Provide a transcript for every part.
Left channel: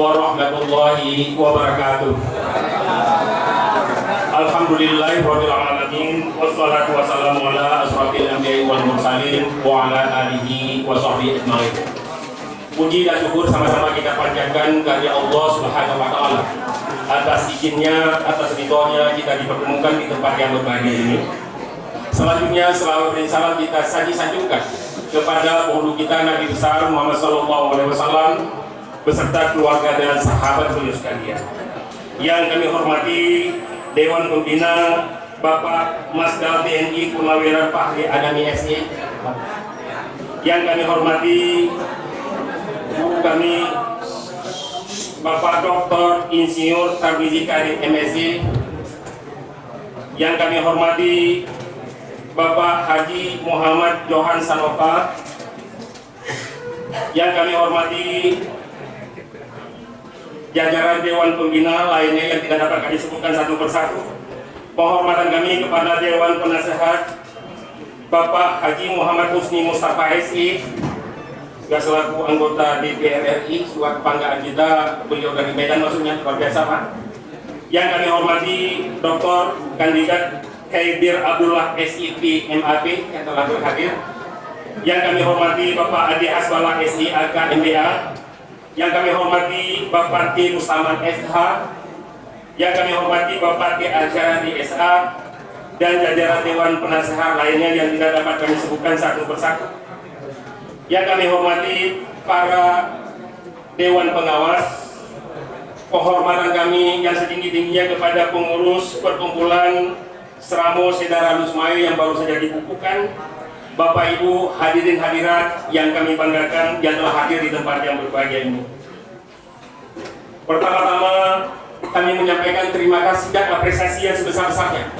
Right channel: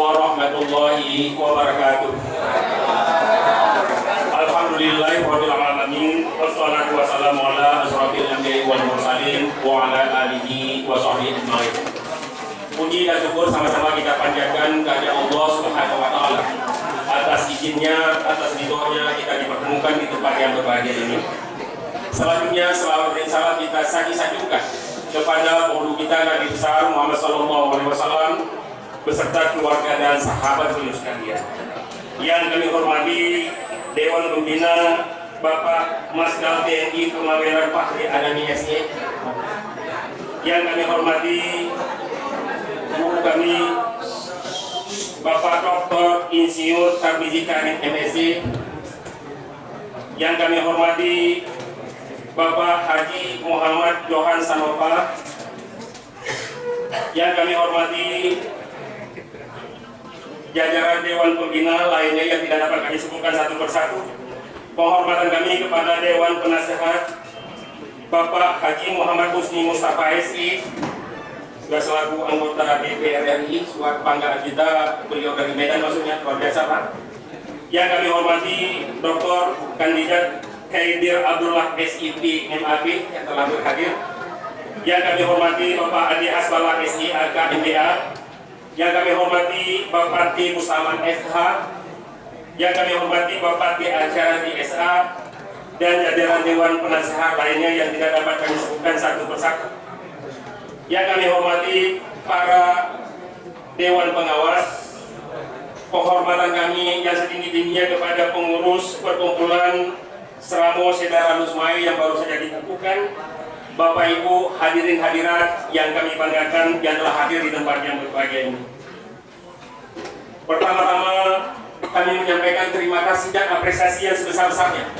warahmatullahi wabarakatuh. Alhamdulillahirabbil alamin wassalatu wassalamu ala asrofil anbiya'i wal mursalin wa ala alihi wa sahbihi ajmain. Puji dan syukur sama-sama kita panjatkan kepada Allah Subhanahu wa taala atas izinnya, atas ridhonya kita dipertemukan di tempat yang berbahagia ini. Selanjutnya selawat dan salam kita sanjung-sanjungkan kepada guru kita Nabi besar Muhammad sallallahu alaihi wasallam beserta keluarga dan sahabat beliau sekalian. Yang kami hormati Dewan Pembina Bapak Masda TNI Purnawirawan Fahri Adami SE. Yang kami hormati guru kami Bapak Dr. Insinyur Tarmizi Karim MSc. Yang kami hormati Bapak Haji Muhammad Johan Sanova. Yang kami hormati jajaran Dewan Pembina lainnya yang tidak dapat kami sebutkan satu persatu. Penghormatan kami kepada Dewan Penasehat Bapak Haji Muhammad Husni Mustafa SI selaku anggota DPR RI, suatu kebanggaan kita, beliau dari Medan maksudnya, luar biasa Pak. Yang kami hormati Dr. Kandidat Khaidir Abdullah SIP MAP yang telah berhadir. Yang kami hormati Bapak Adi Asbala SI AK MBA. Yang kami hormati Bapak T. Mustaman SH. Yang kami hormati Bapak T. Asyari SA dan jajaran Dewan Penasehat lainnya yang tidak dapat kami sebutkan satu persatu. Yang kami hormati para Dewan Pengawas, penghormatan kami yang setinggi-tingginya kepada pengurus perkumpulan Seramo Sedara Lusmayu yang baru saja dibukukan, Bapak Ibu hadirin hadirat yang kami banggakan yang telah hadir di tempat yang berbahagia ini. Pertama-tama kami menyampaikan terima kasih dan apresiasi yang sebesar-besarnya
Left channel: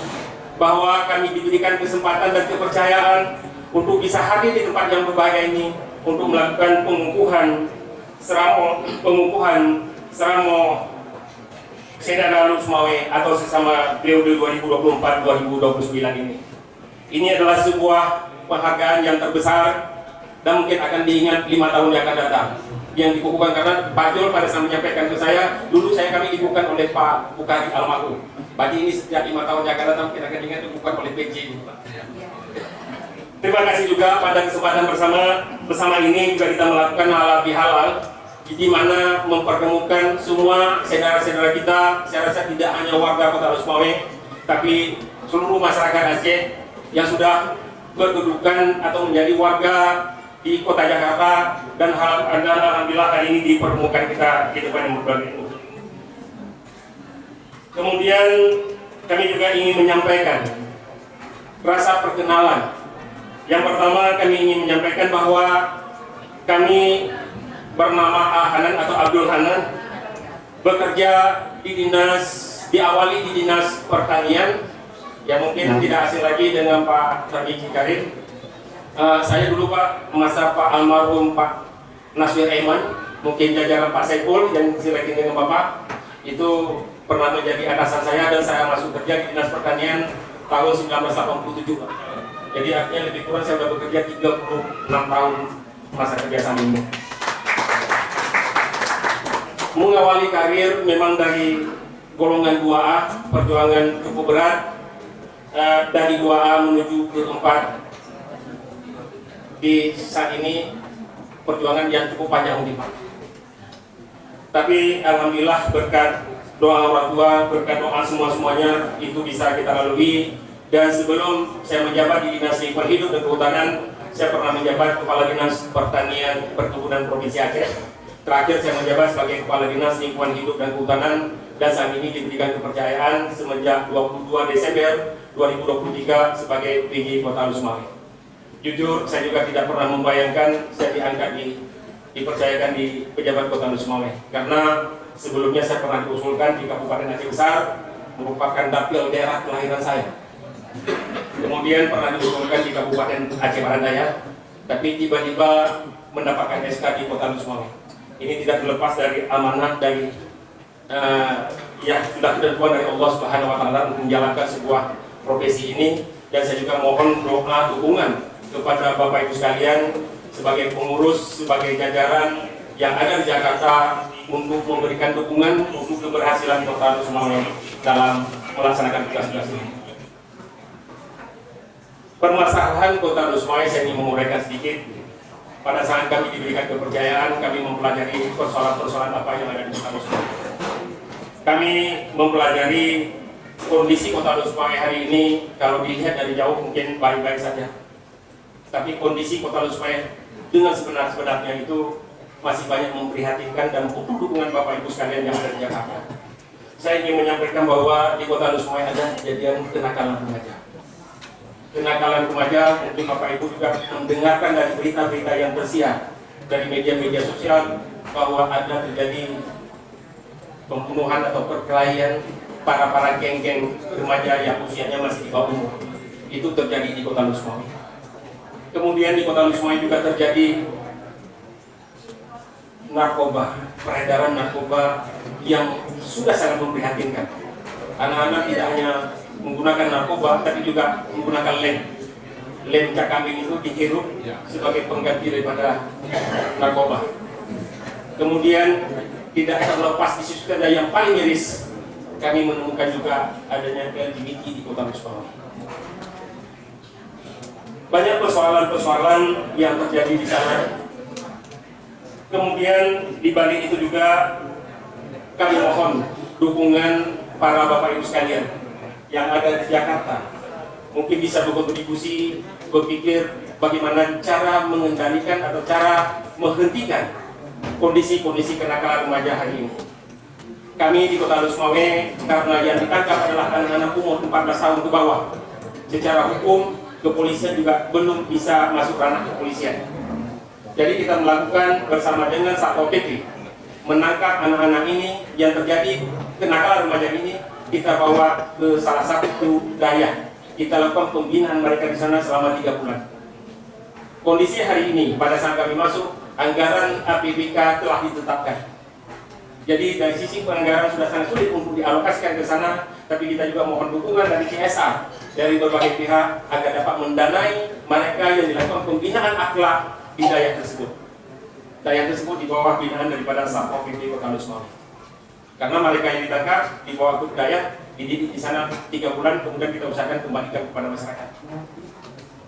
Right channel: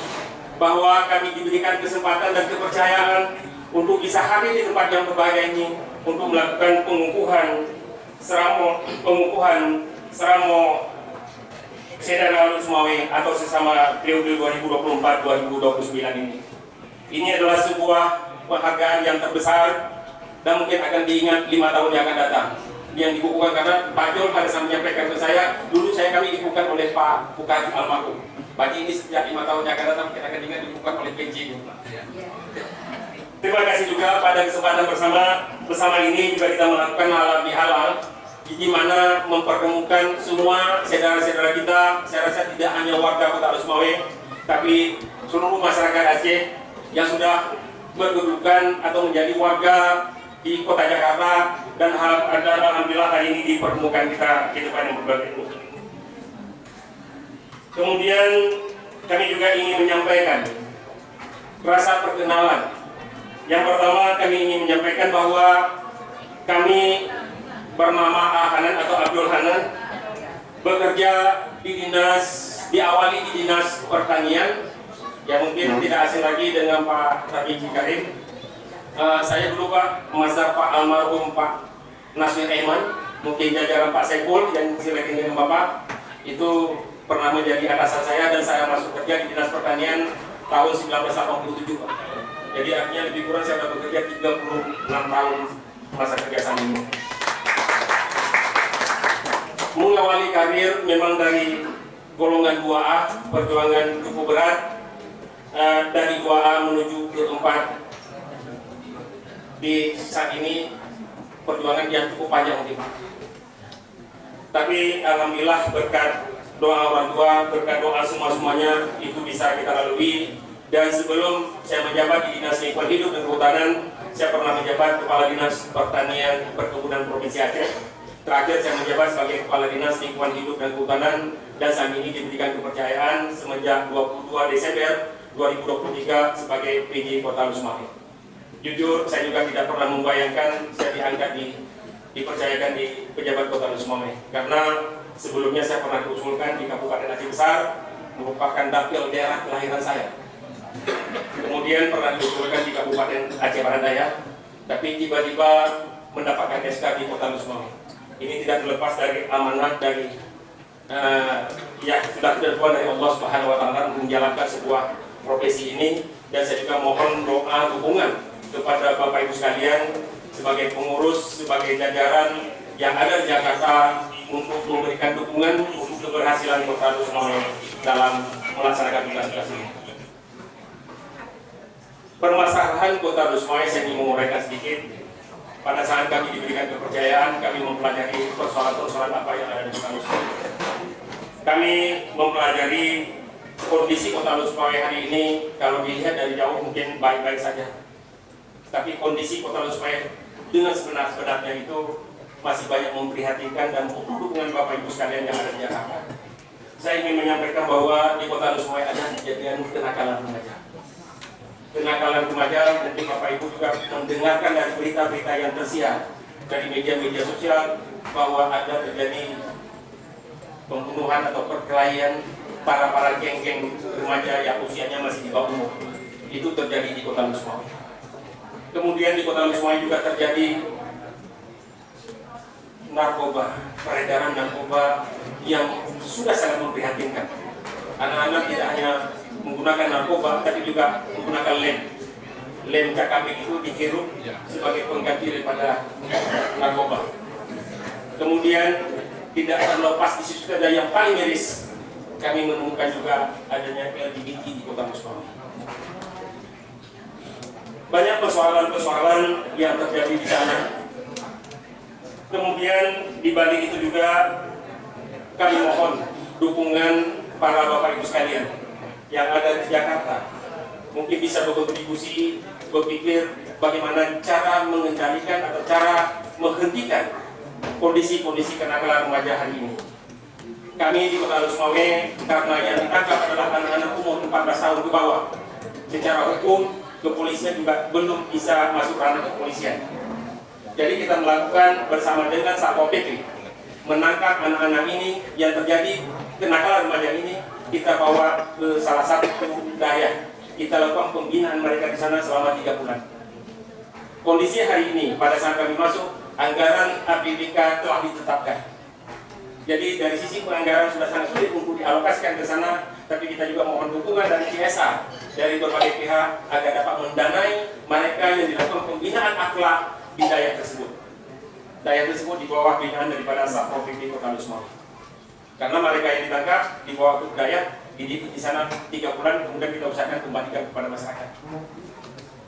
bahwa kami diberikan kesempatan dan kepercayaan untuk bisa hadir di tempat yang berbahagia ini untuk melakukan pengukuhan Seramo Sedara Lusmawe atau sesama periode 2024-2029 ini. Ini adalah sebuah penghargaan yang terbesar dan mungkin akan diingat 5 tahun yang akan datang. Yang dibukukan karena Pak Jol pada saat menyampaikan ke saya, dulu kami dibukukan oleh Pak Bukari almarhum. Bagi ini setiap 5 tahun yang akan datang mungkin akan diingat dibukukan oleh PJ. Terima kasih juga pada kesempatan bersama ini juga kita melakukan halal bihalal di mana mempertemukan semua saudara-saudara kita. Saya rasa tidak hanya warga Kota Lusmawe, tapi seluruh masyarakat Aceh yang sudah berkedudukan atau menjadi warga di Kota Jakarta dan alhamdulillah hari ini dipertemukan kita di depan ini. Kemudian kami juga ingin menyampaikan rasa perkenalan. Yang pertama kami ingin menyampaikan bahwa kami bernama Hanan atau Abdul Hanan, bekerja di diawali di dinas pertanian yang mungkin tidak asing lagi dengan Pak Tarmizi Karim. Saya dulu Pak Masar Pak almarhum Pak Nasir Aiman, mungkin jajaran Pak Saiful yang silakan dengan Bapak itu pernah menjadi atasan saya dan saya masuk kerja di dinas pertanian tahun 1987 Pak. Jadi artinya lebih kurang saya sudah bekerja 36 tahun masa kerja sama ini. Mengawali karir memang dari golongan 2A, perjuangan cukup berat dari 2A menuju ke 4. Di saat ini perjuangan yang cukup panjang nih Pak. Tapi alhamdulillah berkat doa orang tua, berkat doa semuanya itu bisa kita lalui. Dan sebelum saya menjabat di Dinas Lingkungan Hidup dan Kehutanan, saya pernah menjabat Kepala Dinas Pertanian Perkebunan Provinsi Aceh. Terakhir saya menjabat sebagai Kepala Dinas Lingkungan Hidup dan Kehutanan dan saat ini diberikan kepercayaan semenjak 22 Desember 2023 sebagai PJ Kota Lusmawe. Jujur saya juga tidak pernah membayangkan saya diangkat dipercayakan di pejabat Kota Lusmawe karena sebelumnya saya pernah diusulkan di Kabupaten Aceh Besar merupakan dapil daerah kelahiran saya. Kemudian pernah diusulkan di Kabupaten Aceh Barat Daya, tapi tiba-tiba mendapatkan SK di Kota Lusmawe. Ini tidak terlepas dari amanat dari yang sudah ditentukan dari Allah Subhanahu Wa Taala untuk menjalankan sebuah profesi ini. Dan saya juga mohon doa dukungan kepada Bapak Ibu sekalian sebagai pengurus, sebagai jajaran yang ada di Jakarta untuk memberikan dukungan untuk keberhasilan Kota Lusmawai dalam melaksanakan tugas-tugas ini. Permasalahan Kota Lusmawai saya ingin menguraikan sedikit. Pada saat kami diberikan kepercayaan, kami mempelajari persoalan-persoalan apa yang ada di Kota Lusmawai. Kami mempelajari kondisi Kota Lusmawai hari ini. Kalau dilihat dari jauh mungkin baik-baik saja, tapi kondisi Kota Lusmawai dengan sebenar-benarnya itu masih banyak memprihatinkan dan butuh dukungan Bapak Ibu sekalian yang ada di Jakarta. Saya ingin menyampaikan bahwa di Kota Lusmawai ada kejadian kenakalan remaja. Kenakalan remaja, mungkin Bapak Ibu juga mendengarkan dari berita-berita yang tersiar dari media-media sosial bahwa ada terjadi pembunuhan atau perkelahian para geng-geng remaja yang usianya masih di bawah umur. Itu terjadi di Kota Lusmawai. Kemudian di Kota Lusmawai juga terjadi narkoba, peredaran narkoba yang sudah sangat memprihatinkan. Anak-anak tidak hanya menggunakan narkoba, tapi juga menggunakan lem cakambing itu dihirup sebagai pengganti daripada narkoba. Kemudian tidak terlepas isu ada yang paling miris, kami menemukan juga adanya LGBT di Kota Lusmawai. Banyak persoalan-persoalan yang terjadi di sana. Kemudian di balik itu juga kami mohon dukungan para Bapak Ibu sekalian yang ada di Jakarta. Mungkin bisa berkontribusi berpikir bagaimana cara mengendalikan atau cara menghentikan kondisi-kondisi kenakalan remaja hari ini. Kami di Kota Lusmawai, karena yang ditangkap adalah anak-anak umur 14 tahun ke bawah, secara hukum kepolisian juga belum bisa masuk ranah kepolisian. Jadi kita melakukan bersama dengan Satpol PP menangkap anak-anak ini yang terjadi kenakalan remaja ini, kita bawa ke salah satu daya. Kita lakukan pembinaan mereka di sana selama 3 bulan. Kondisi hari ini pada saat kami masuk, anggaran APBK telah ditetapkan. Jadi dari sisi penganggaran sudah sangat sulit untuk dialokasikan ke sana, tapi kita juga mohon dukungan dari CSR dari berbagai pihak agar dapat mendanai mereka yang dilakukan pembinaan akhlak di daya tersebut. Daya tersebut di bawah binaan daripada Satpol PP Kota Lusmawai. Karena mereka yang ditangkap di bawah grup daya dididik di sana 3 bulan, kemudian kita usahakan kembalikan kepada masyarakat.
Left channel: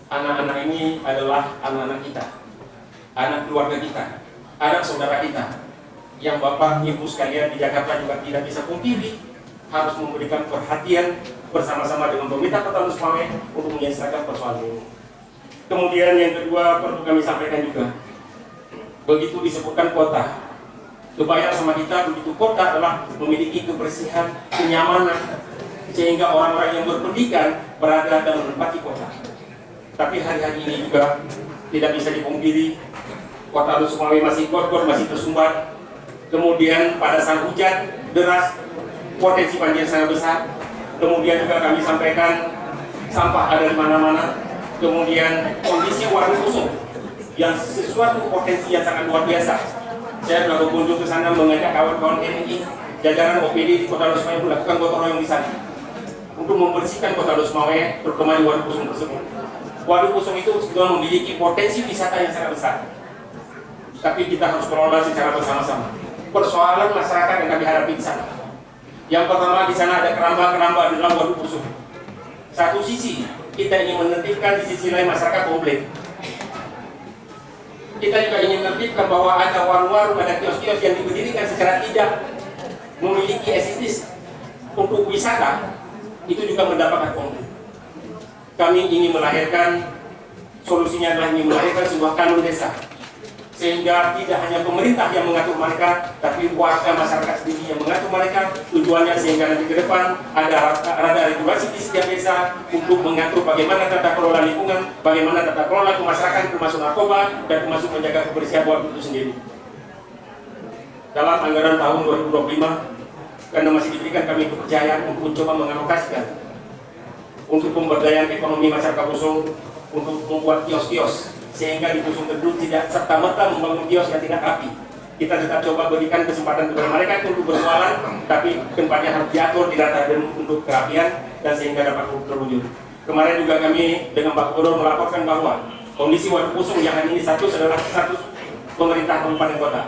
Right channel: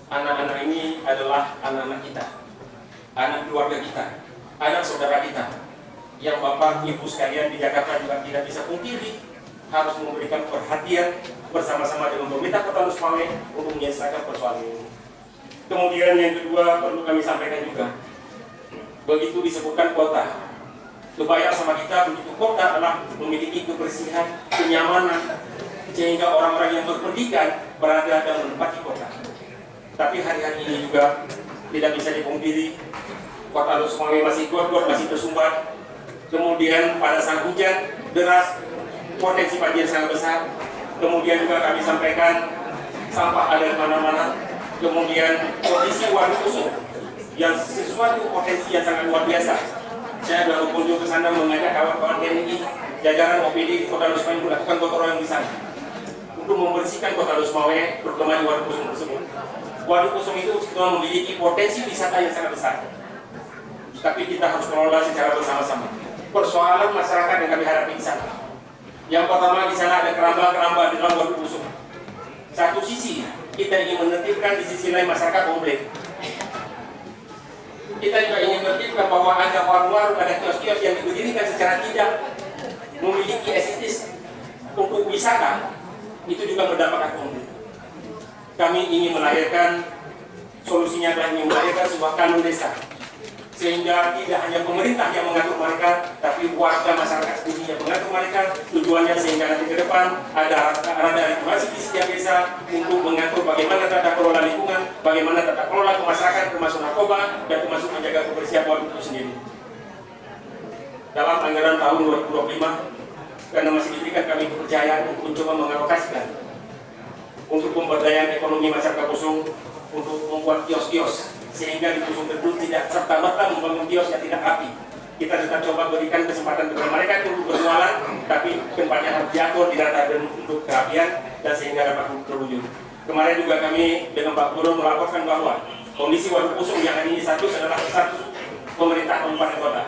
Anak-anak ini adalah anak-anak kita, anak keluarga kita, anak saudara kita, yang Bapak Ibu sekalian di Jakarta juga tidak bisa pungkiri harus memberikan perhatian bersama-sama dengan pemerintah Kota Lusmawai untuk menyelesaikan persoalan ini. Kemudian yang kedua perlu kami sampaikan juga, begitu disebutkan kota, kebayang sama kita begitu kota adalah memiliki kebersihan, kenyamanan, sehingga orang-orang yang berpendidikan berada dan menempati kota. Tapi hari-hari ini juga tidak bisa dipungkiri, Kota Lusmawai masih got-got, masih tersumbat. Kemudian pada saat hujan deras, potensi banjir sangat besar. Kemudian juga kami sampaikan sampah ada di mana-mana. Kemudian kondisi waduk kosong yang sesuatu potensi yang sangat luar biasa. Saya sudah berkunjung ke sana mengajak kawan-kawan TNI, jajaran OPD di Kota Lusmawai melakukan gotong royong di sana untuk membersihkan Kota Lusmawai, terutama di waduk kosong tersebut. Waduk kosong itu sudah memiliki potensi wisata yang sangat besar, tapi kita harus mengelola secara bersama-sama. Persoalan masyarakat yang kami hadapi di sana. Yang pertama, di sana ada keramba-keramba di dalam waduk kosong. Satu sisi kita ingin menertibkan, di sisi lain masyarakat komplain. Kita juga ingin menertibkan bahwa ada warung-warung, ada kios-kios yang diberdirikan secara tidak memiliki estetis untuk wisata, itu juga mendapatkan konflik. Kami ingin melahirkan, solusinya adalah ingin melahirkan sebuah kanun desa, sehingga tidak hanya pemerintah yang mengatur mereka, tapi warga masyarakat sendiri yang mengatur mereka. Tujuannya sehingga nanti ke depan ada regulasi di setiap desa untuk mengatur bagaimana tata kelola lingkungan, bagaimana tata kelola masyarakat, termasuk narkoba dan termasuk menjaga kebersihan waduk itu sendiri. Dalam anggaran tahun 2025, karena masih diberikan kami kepercayaan untuk mencoba mengalokasikan untuk pemberdayaan ekonomi masyarakat Kusung, untuk membuat kios-kios, sehingga di Kusung tersebut tidak serta-merta membangun kios yang tidak rapi. Kita juga coba berikan kesempatan kepada mereka untuk berjualan, tapi tempatnya harus diatur, dirata untuk kerapian dan sehingga dapat terwujud. Kemarin juga kami dengan Pak Gubernur melaporkan bahwa kondisi waduk Kusung yang hari ini status adalah status pemerintah kabupaten kota.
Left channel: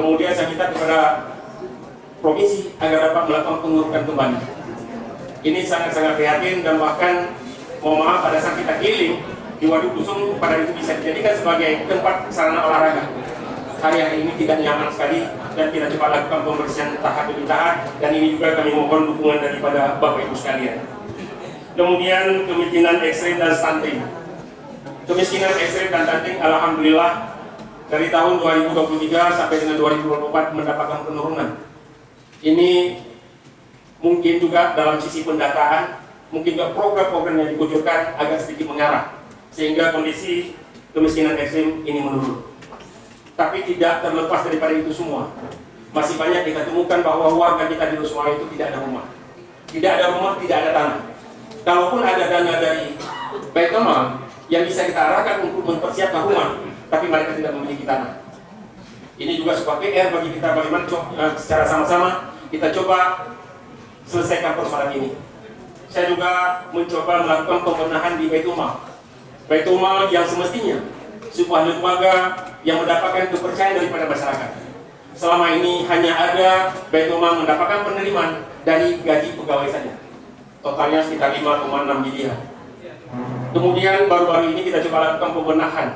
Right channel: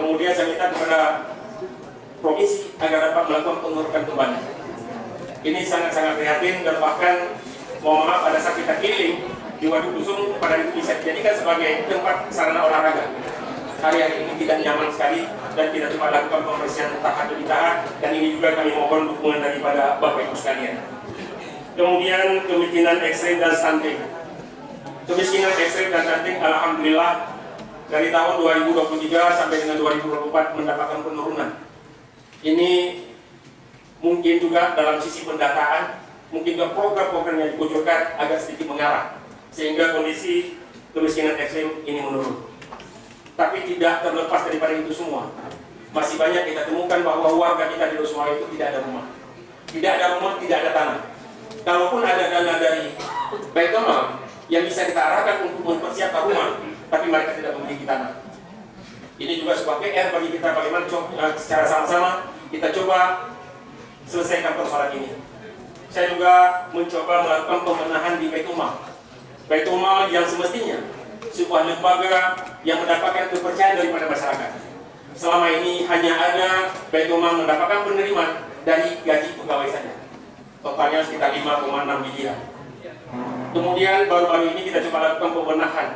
Kemudian saya minta kepada provinsi agar dapat melakukan pengurukan kembali. Ini sangat-sangat prihatin, dan bahkan mohon maaf pada saat kita healing di Waduk Kusung pada itu bisa dijadikan sebagai tempat sarana olahraga. Hari ini tidak nyaman sekali dan kita coba lakukan pembersihan tahap demi tahap, dan ini juga kami mohon dukungan daripada Bapak Ibu sekalian. Kemudian kemiskinan ekstrim dan stunting. Kemiskinan ekstrim dan stunting alhamdulillah dari tahun 2023 sampai dengan 2024 mendapatkan penurunan. Ini mungkin juga dalam sisi pendataan, mungkin ke program-program yang dikucurkan agak sedikit mengarah, sehingga kondisi kemiskinan ekstrim ini menurun. Tapi tidak terlepas daripada itu semua, masih banyak kita temukan bahwa warga kita di Losmawe itu tidak ada rumah. Tidak ada rumah, tidak ada tanah. Kalaupun ada dana dari Baitul yang bisa kita arahkan untuk mempersiapkan rumah, tapi mereka tidak memiliki tanah. Ini juga sebuah PR bagi kita, bagaimana secara sama-sama kita coba selesaikan persoalan ini. Saya juga mencoba melakukan pembenahan di Baitul Mal yang semestinya sebuah lembaga yang mendapatkan kepercayaan daripada masyarakat. Selama ini hanya ada Baitul Mal mendapatkan penerimaan dari gaji pegawai saja, totalnya sekitar 5,6 miliar. Kemudian baru-baru ini kita coba lakukan pembenahan.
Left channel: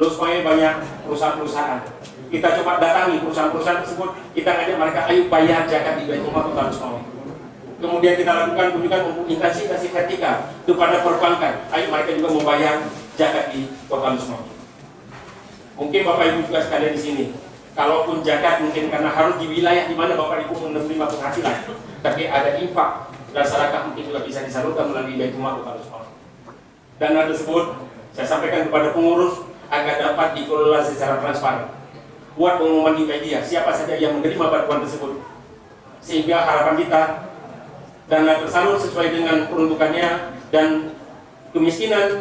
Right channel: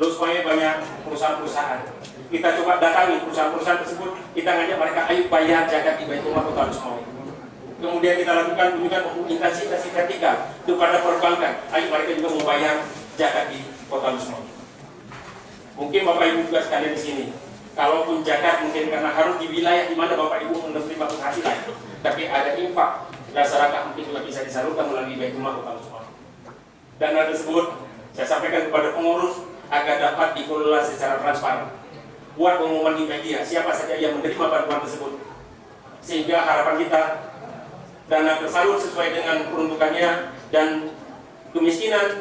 Losmawe banyak perusahaan-perusahaan. Kita coba datangi perusahaan-perusahaan tersebut, kita ngajak mereka, ayo bayar zakat di Baitul Mal Kota Losmawe. Kemudian kita lakukan kunjungan untuk instansi vertikal kepada perbankan, ayo mereka juga membayar zakat di Kota Losmawe. Mungkin Bapak Ibu juga sekalian di sini, kalaupun zakat mungkin karena harus di wilayah di mana Bapak Ibu menerima penghasilan, tapi ada infak dan sedekah mungkin juga bisa disalurkan melalui Baitul Mal Kota Losmawe. Dana tersebut saya sampaikan kepada pengurus agar dapat dikelola secara transparan. Buat pengumuman di media siapa saja yang menerima bantuan tersebut, sehingga harapan kita dana tersalur sesuai dengan peruntukannya dan kemiskinan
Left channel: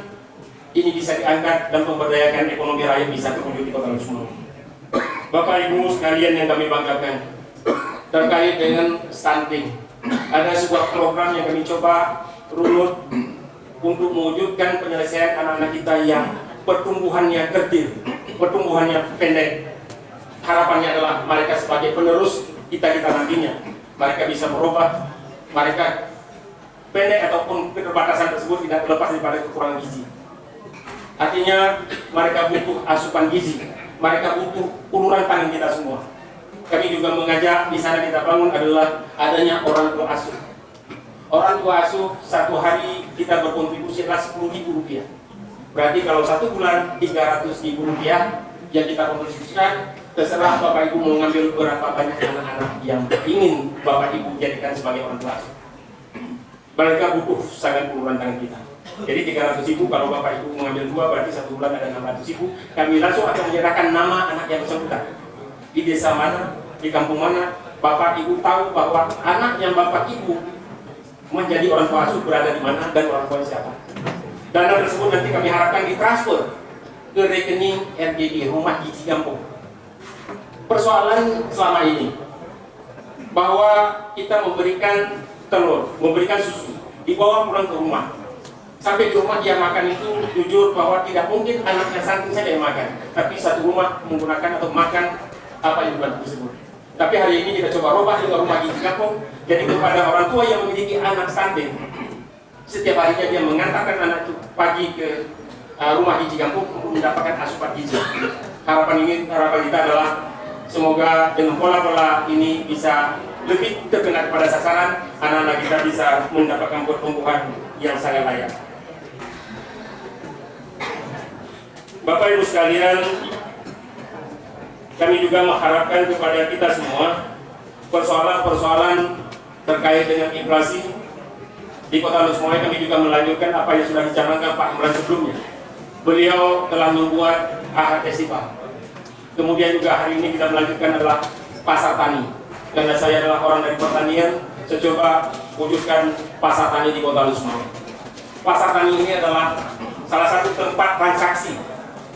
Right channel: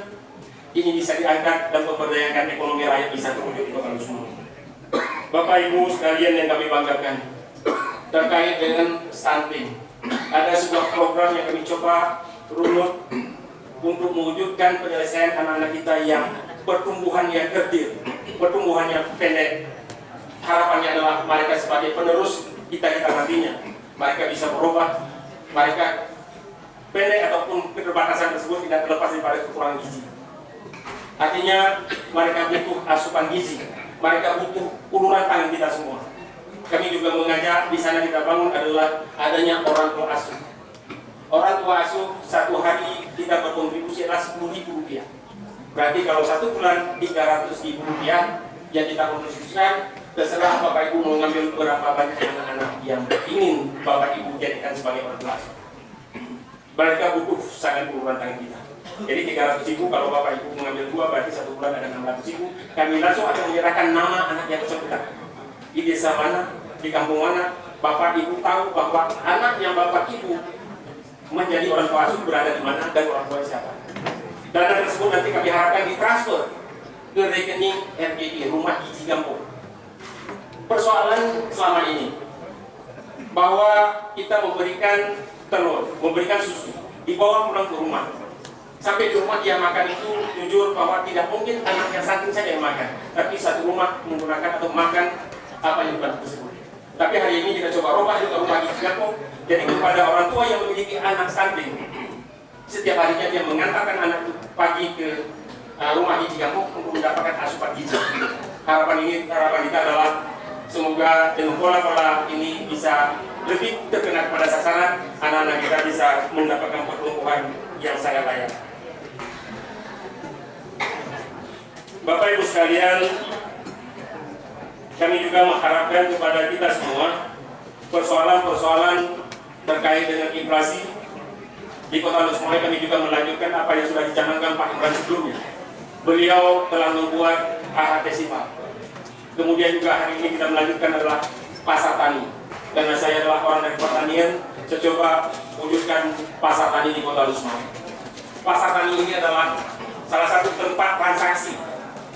ini bisa diangkat dan pemberdayaan ekonomi rakyat bisa terwujud di Kota Losmawe. Bapak Ibu sekalian yang kami banggakan, terkait dengan stunting, ada sebuah program yang kami coba runut untuk mewujudkan penyelesaian anak-anak kita yang pertumbuhannya kerdil, pertumbuhannya pendek. Harapannya adalah mereka sebagai penerus kita nantinya, mereka bisa berubah, mereka pendek ataupun keterbatasan tersebut tidak terlepas daripada kekurangan gizi. Artinya mereka butuh asupan gizi, mereka butuh uluran tangan kita semua. Kami juga mengajak di sana kita bangun adalah adanya orang tua asuh. Orang tua asuh satu hari kita berkontribusi adalah Rp10.000. Berarti kalau satu bulan Rp300.000 yang kita kontribusikan. Terserah Bapak Ibu mau ngambil berapa banyak anak-anak yang ingin Bapak Ibu jadikan sebagai orang tua asuh. Mereka butuh sangat uluran tangan kita. Jadi 300.000 kalau Bapak Ibu mengambil 2 berarti satu bulan ada 600.000. Kami langsung akan menyerahkan nama anak yang bersangkutan. Di desa mana, di kampung mana, Bapak Ibu tahu bahwa anak yang Bapak Ibu menjadi orang tua asuh berada di mana dan orang tua siapa. Dana tersebut nanti kami harapkan ditransfer ke rekening RGD Rumah Gizi Kampung. Persoalan selama ini bahwa kita memberikan telur, memberikan susu, dibawa pulang ke rumah. Sampai di rumah dia makan itu jujur bahwa tidak mungkin anaknya stunting saja yang makan, tapi satu rumah menggunakan atau makan apa yang bukan tersebut. Tapi hari ini kita coba rubah juga Rumah Gizi Kampung, jadi kepada orang tua yang memiliki anak stunting, setiap harinya dia mengantarkan anak itu pagi ke Rumah Gizi Kampung untuk mendapatkan asupan gizi. Harapan kita adalah semoga dengan pola-pola ini bisa lebih terkena kepada sasaran, anak-anak kita bisa mendapatkan pertumbuhan yang sangat layak. Bapak Ibu sekalian, kami juga mengharapkan kepada kita semua persoalan-persoalan terkait dengan inflasi di Kota Losmawe. Kami juga melanjutkan apa yang sudah dicanangkan Pak Imran sebelumnya. Beliau telah membuat AHT Festival. Kemudian juga hari ini kita melanjutkan adalah pasar tani. Karena saya adalah orang dari pertanian, saya coba wujudkan pasar tani di Kota Losmawe. Pasar tani ini adalah salah satu tempat transaksi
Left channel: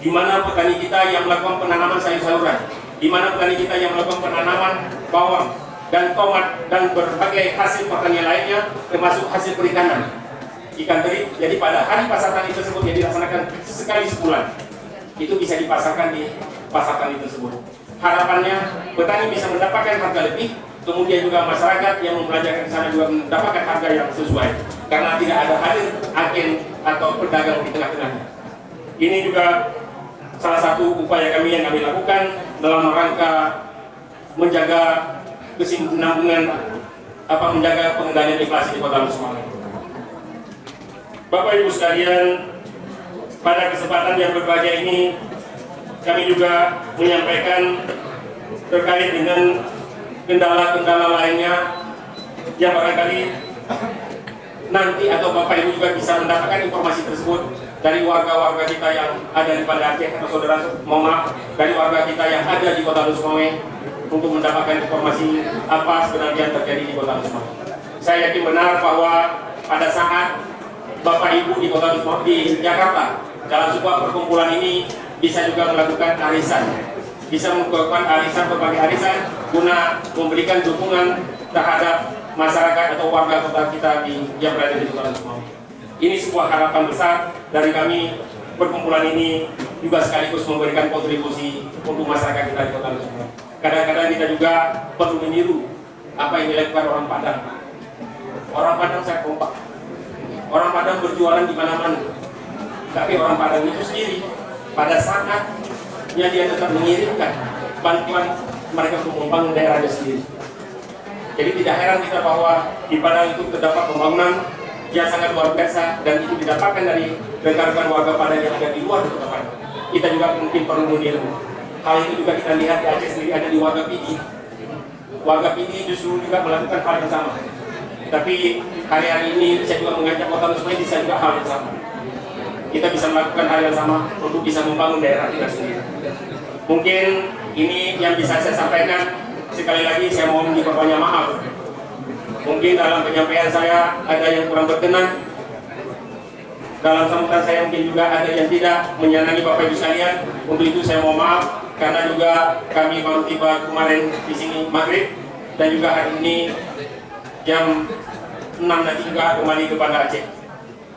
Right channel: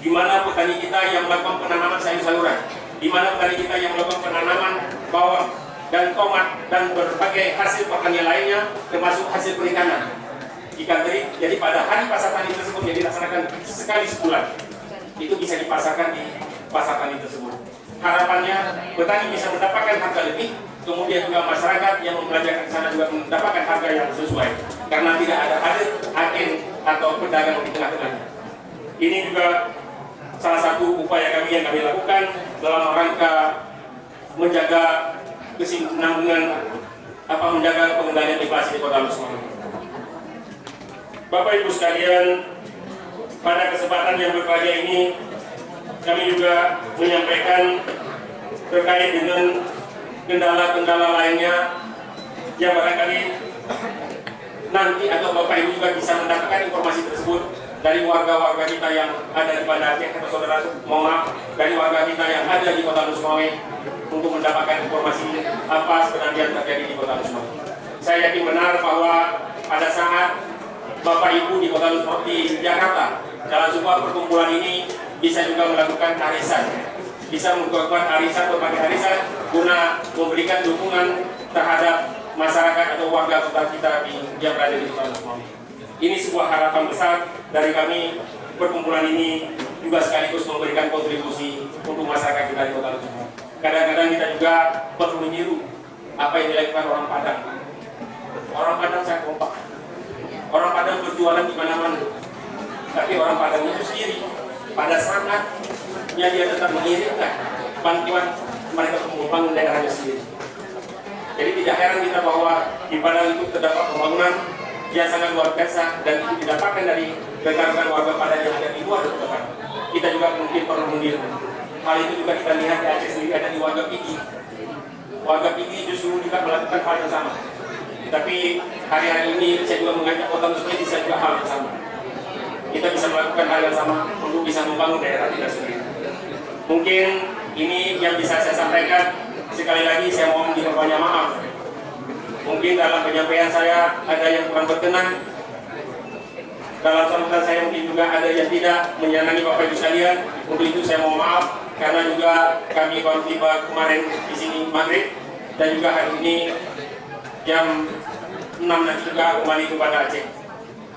di mana petani kita yang melakukan penanaman sayur-sayuran, di mana petani kita yang melakukan penanaman bawang dan tomat dan berbagai hasil pertanian lainnya, termasuk hasil perikanan, ikan teri. Jadi pada hari pasar tani tersebut yang dilaksanakan sekali sebulan, itu bisa dipasarkan di pasar tani tersebut. harapannya petani bisa mendapatkan harga lebih, kemudian juga masyarakat yang membelanjakan sana juga mendapatkan harga yang sesuai, karena tidak ada hadir agen atau pedagang di tengah-tengahnya. Ini juga salah satu upaya kami yang kami lakukan dalam rangka menjaga kesinambungan menjaga pengendalian inflasi di Kota Semarang. Bapak Ibu sekalian, pada kesempatan yang berbahagia ini kami juga menyampaikan terkait dengan kendala-kendala lainnya yang barangkali nanti atau Bapak Ibu juga bisa mendapatkan informasi tersebut dari warga-warga kita yang ada di Banda Aceh atau saudara, mohon maaf, dari warga kita yang ada di Kota Semarang untuk mendapatkan informasi apa sebenarnya yang terjadi di Kota Semarang. Saya yakin benar bahwa pada saat Bapak Ibu di Kota Semarang di Jakarta dalam sebuah perkumpulan ini bisa juga melakukan arisan, bisa melakukan arisan berbagai arisan guna memberikan dukungan terhadap masyarakat atau warga kota kita yang berada di Kota Semarang. Ini sebuah harapan besar dari kami. Perkumpulan ini juga sekaligus memberikan kontribusi untuk masyarakat kita di Kota Semarang. Kadang-kadang kita juga perlu meniru apa yang dilakukan orang Padang. Orang Padang sangat kompak. Orang Padang berjualan di mana-mana. Tapi orang Padang itu sendiri pada saatnya dia tetap mengirimkan bantuan mereka untuk membangun daerahnya sendiri. Jadi tidak heran kita bahwa di Padang itu terdapat pembangunan yang sangat luar biasa dan itu didapatkan dari rekan-rekan warga Padang yang ada di luar kota. Kita juga mungkin perlu meniru. Hal itu juga kita lihat di Aceh sendiri ada di warga Pidi. Warga Pidi justru juga melakukan hal yang sama. Tapi hari-hari ini saya juga mengajak Kota Semarang bisa juga hal yang sama. Kita bisa melakukan hal yang sama untuk bisa membangun daerah kita sendiri. Mungkin ini yang bisa saya sampaikan. Sekali lagi saya mohon banyak maaf. Mungkin dalam penyampaian saya ada yang kurang berkenan. Dalam sambutan saya mungkin juga ada yang tidak menyenangi Bapak Ibu sekalian. Untuk itu saya mohon maaf karena juga kami baru tiba kemarin di sini maghrib dan juga hari ini jam 6 nanti juga kembali kepada Aceh.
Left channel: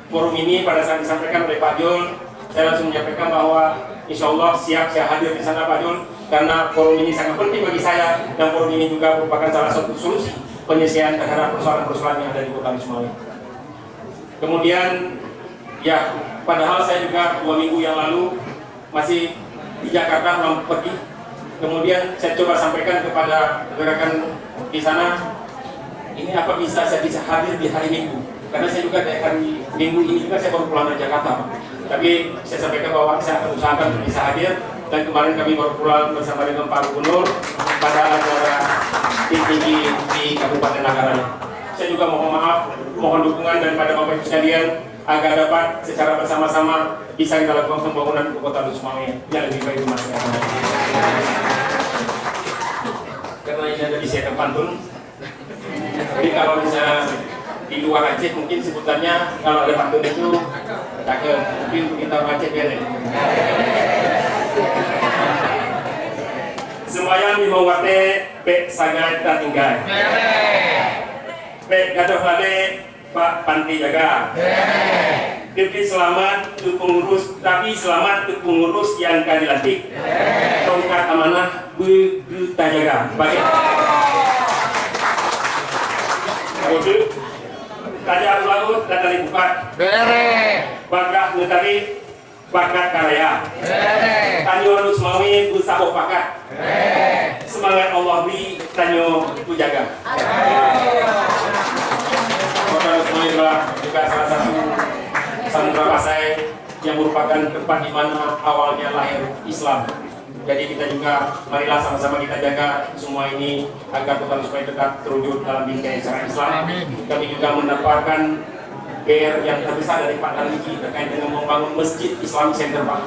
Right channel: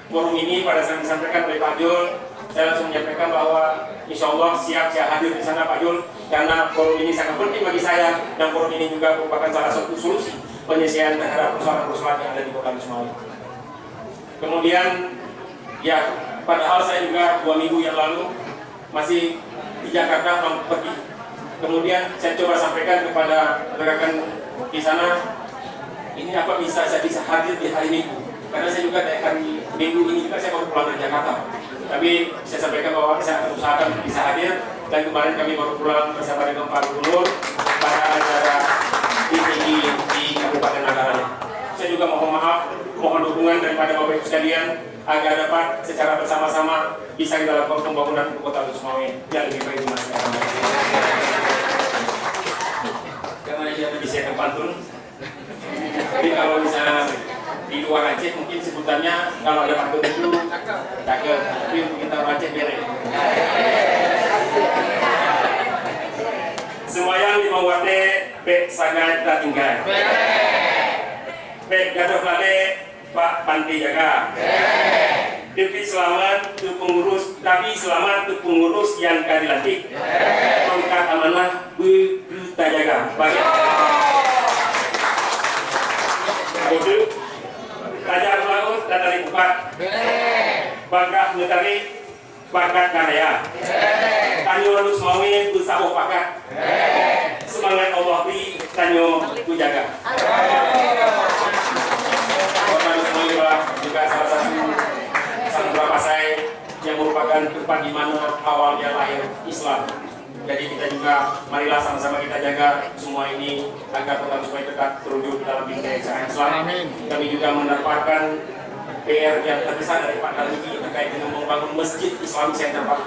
Forum ini pada saat disampaikan oleh Pak Jul, saya langsung menyampaikan bahwa insya Allah siap saya hadir di sana Pak Jul, karena forum ini sangat penting bagi saya dan forum ini juga merupakan salah satu solusi penyelesaian terhadap persoalan-persoalan yang ada di Kota Semarang. Kemudian ya, padahal saya juga 2 minggu yang lalu masih di Jakarta belum pergi. Kemudian saya coba sampaikan kepada rekan di sana, ini apa bisa saya bisa hadir di hari Minggu? Karena saya juga dari minggu ini juga saya baru pulang dari Jakarta. Tapi saya sampaikan bahwa saya akan usahakan bisa hadir, dan kemarin kami baru pulang bersama dengan Pak Gubernur pada acara tinggi di Kabupaten Manggarai. Saya juga mohon maaf, mohon dukungan daripada Bapak Ibu sekalian agar dapat secara bersama-sama bisa kita lakukan pembangunan Kota Semarang yang lebih baik masyarakat. Karena ini ada di Siaga Pantun. Jadi kalau misalnya di luar Aceh mungkin sebutannya kalau ada pantun itu cakep, tapi untuk kita Aceh bere. Semayang di Mawate, Pek sangat tak tinggal. Pek gaduh balik, Pak Panti jaga. Tapi selamat untuk pengurus, yang kali lantik. Tongkat amanah, berita jaga. Baik. Kode tanya laut dan dari bukan bangga ngetahui bangga karya tanyo harus mau usaha pakai semangat Allah beri tanyo ku jaga. Kota Semarang juga salah satu Sandra Pasai yang merupakan tempat di mana awalnya lahir Islam. Jadi kita juga marilah sama-sama kita jaga semua ini agar Kota supaya tetap terwujud dalam bingkai syariat Islam. Kami juga mendapatkan PR yang terbesar dari Pak Tariki terkait dengan membangun Masjid Islamic Center Pak.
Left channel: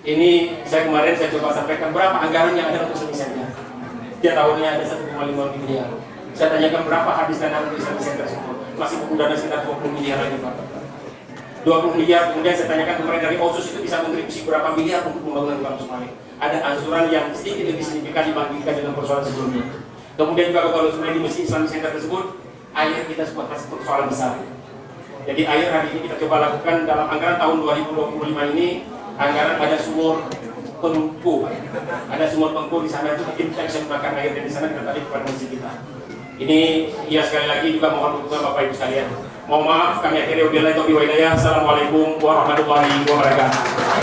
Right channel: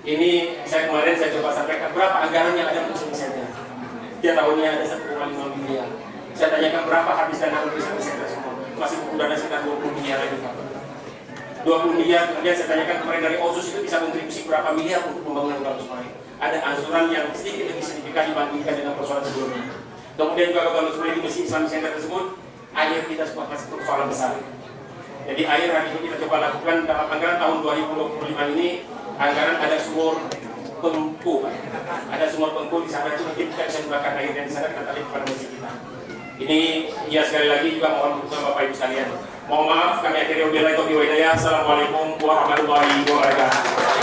Ini saya kemarin coba sampaikan berapa anggaran yang ada untuk Islamic Center. Dia tahunnya ada 1,5 miliar. Saya tanyakan berapa habis dana untuk Islamic Center semua. Masih buku dana sekitar 20 miliar lagi Pak. 20 miliar, kemudian saya tanyakan kemarin dari OSUS itu bisa kontribusi berapa miliar untuk pembangunan Kota Semarang. Ada angsuran yang sedikit lebih signifikan dibandingkan dengan persoalan sebelumnya. Kemudian juga Kota Semarang di Masjid Islamic Center tersebut, air kita sebuah persoalan besar. Jadi air hari ini kita coba lakukan dalam anggaran tahun 2025 ini anggaran ada sumur pengku, ada sumur pengku di sana itu mungkin kita bisa gunakan air dari sana kita tarik ke masjid kita. Ini ya sekali lagi juga mohon doa Bapak Ibu sekalian. Mohon maaf kami akhiri wabillahi taufiq wal hidayah. Assalamualaikum warahmatullahi wabarakatuh.